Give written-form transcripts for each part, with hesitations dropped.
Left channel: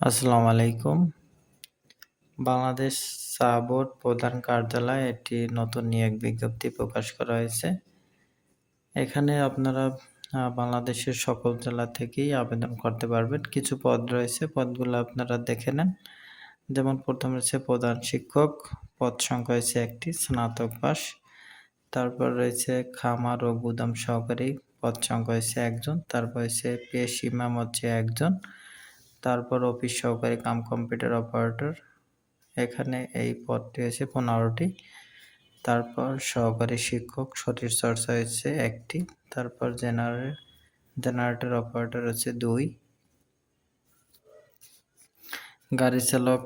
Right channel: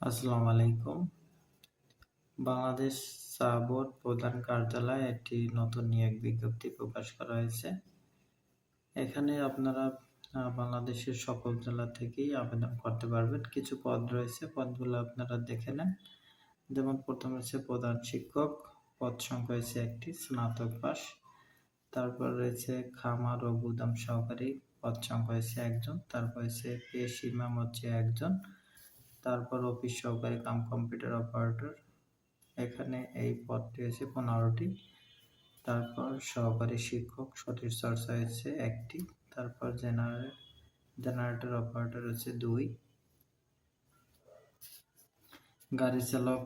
আসসালামু আলাইকুম। বাংলাদেশ চা বোর্ড প্রধান কার্যালয়ে একটি নতুন নিয়োগ বিজ্ঞপ্তি প্রকাশ করা হয়েছে। এখানে আপনারা বাংলাদেশের সকল জেলা থেকেই আবেদন করতে পারবেন। কিছু পদ রয়েছে, পদগুলো আপনারা দেখে নেন। যেমন প্রথম রয়েছে প্রধান শিক্ষক, পদ সংখ্যা হয়েছে ১টি, স্নাতক পাস। তারপর রয়েছে খামার ও গুদাম সহকারী, পদ সংখ্যা হয়েছে ১ জন। তারপর হচ্ছে পেশ ইমাম হচ্ছে ১ জন। তারপর অফিস সহকারী কাম কম্পিউটার অপারেটর, এখানে এই পদটি হয়েছে ১৫টি। তারপর সহকারী শিক্ষক শরীরচর্চা হয়েছে ১টি। তারপর জেনারেটর অপারেটর হচ্ছে ২, গাড়ি চালক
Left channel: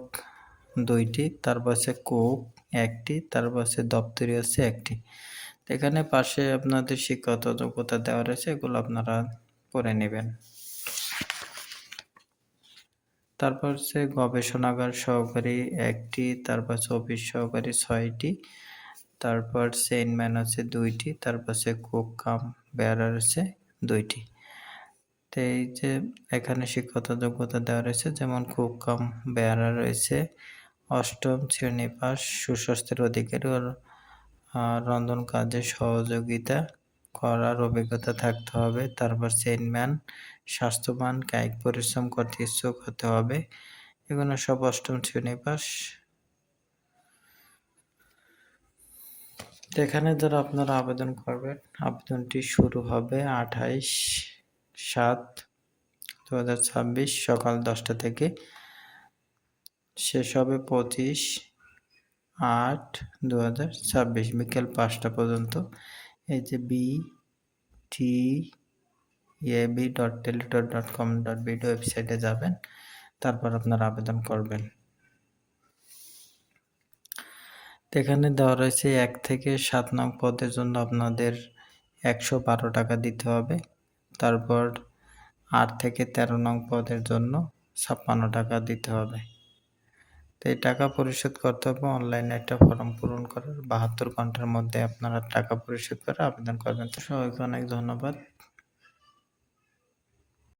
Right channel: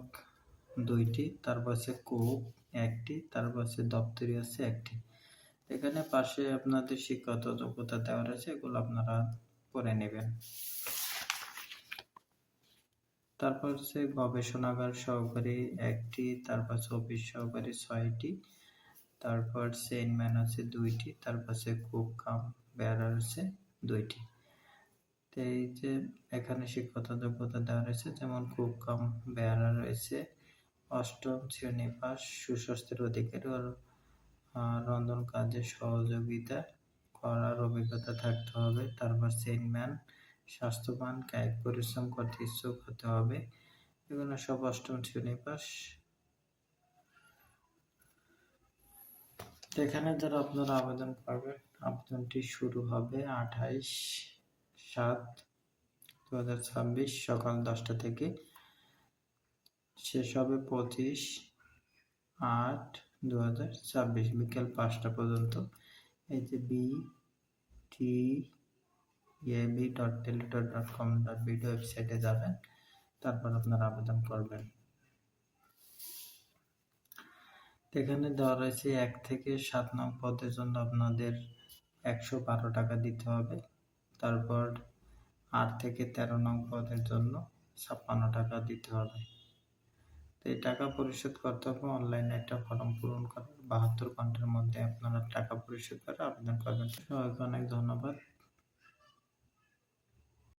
২টি। তারপর হচ্ছে কুক ১টি। তারপর হচ্ছে দপ্তরি হচ্ছে ১টি। এখানে পাশে আপনাদের শিক্ষাগত যোগ্যতা দেওয়া রয়েছে, এগুলো আপনারা পড়ে নেবেন। তারপর হচ্ছে গবেষণাগার সহকারী ১টি। তারপর হচ্ছে অফিস সহকারী ৬টি। তারপর চেইনম্যান হচ্ছে ২টি। তারপর হচ্ছে কুক কাম বেয়ারার হচ্ছে ২টি। তো এই যে এখানে শিক্ষাগত যোগ্যতা দেওয়া রয়েছে, যেমন কুক কাম বেয়ারার রয়েছে ৮ম শ্রেণী পাস, সুস্বাস্থ্যের অধিকারী ও রন্ধন কাজে সহযোগিতা করার অভিজ্ঞতা থাকতে হবে। তারপর চেইনম্যান স্বাস্থ্যবান, কায়িক পরিশ্রম করতে ইচ্ছুক হতে হবে। এগুলো সব ৮ম শ্রেণী পাস। তো এখানে যারা আপনারা আবেদন করবেন, আবেদনটি শুরু হবে ২৮/৭/২০২৬ সকাল ১০টা থেকে, শেষ হবে ২৫/৮/২০২৬ বিকেল ৫টা পর্যন্ত। এই যে btab.teletor.com.bd ওয়েবসাইটে যাবেন, তারপর আপনারা আবেদন করবেন। তো এখানে দেওয়া রয়েছে ১ থেকে ৭ নং পদের জন্য আপনাদের ১১২ টাকা দিতে হবে। তারপর ৮ থেকে ১৩ নং পদের জন্য ৫৬ টাকা দিতে হবে। তো এই টাকা পরিশোধ করতে হবে অনলাইনে একটা ফর্ম পূরণ করার ৭২ ঘন্টার মধ্যে আপনারা টাকা পরিশোধ করে আবেদন করবেন। তো সবাইকে অনেক ধন্যবাদ।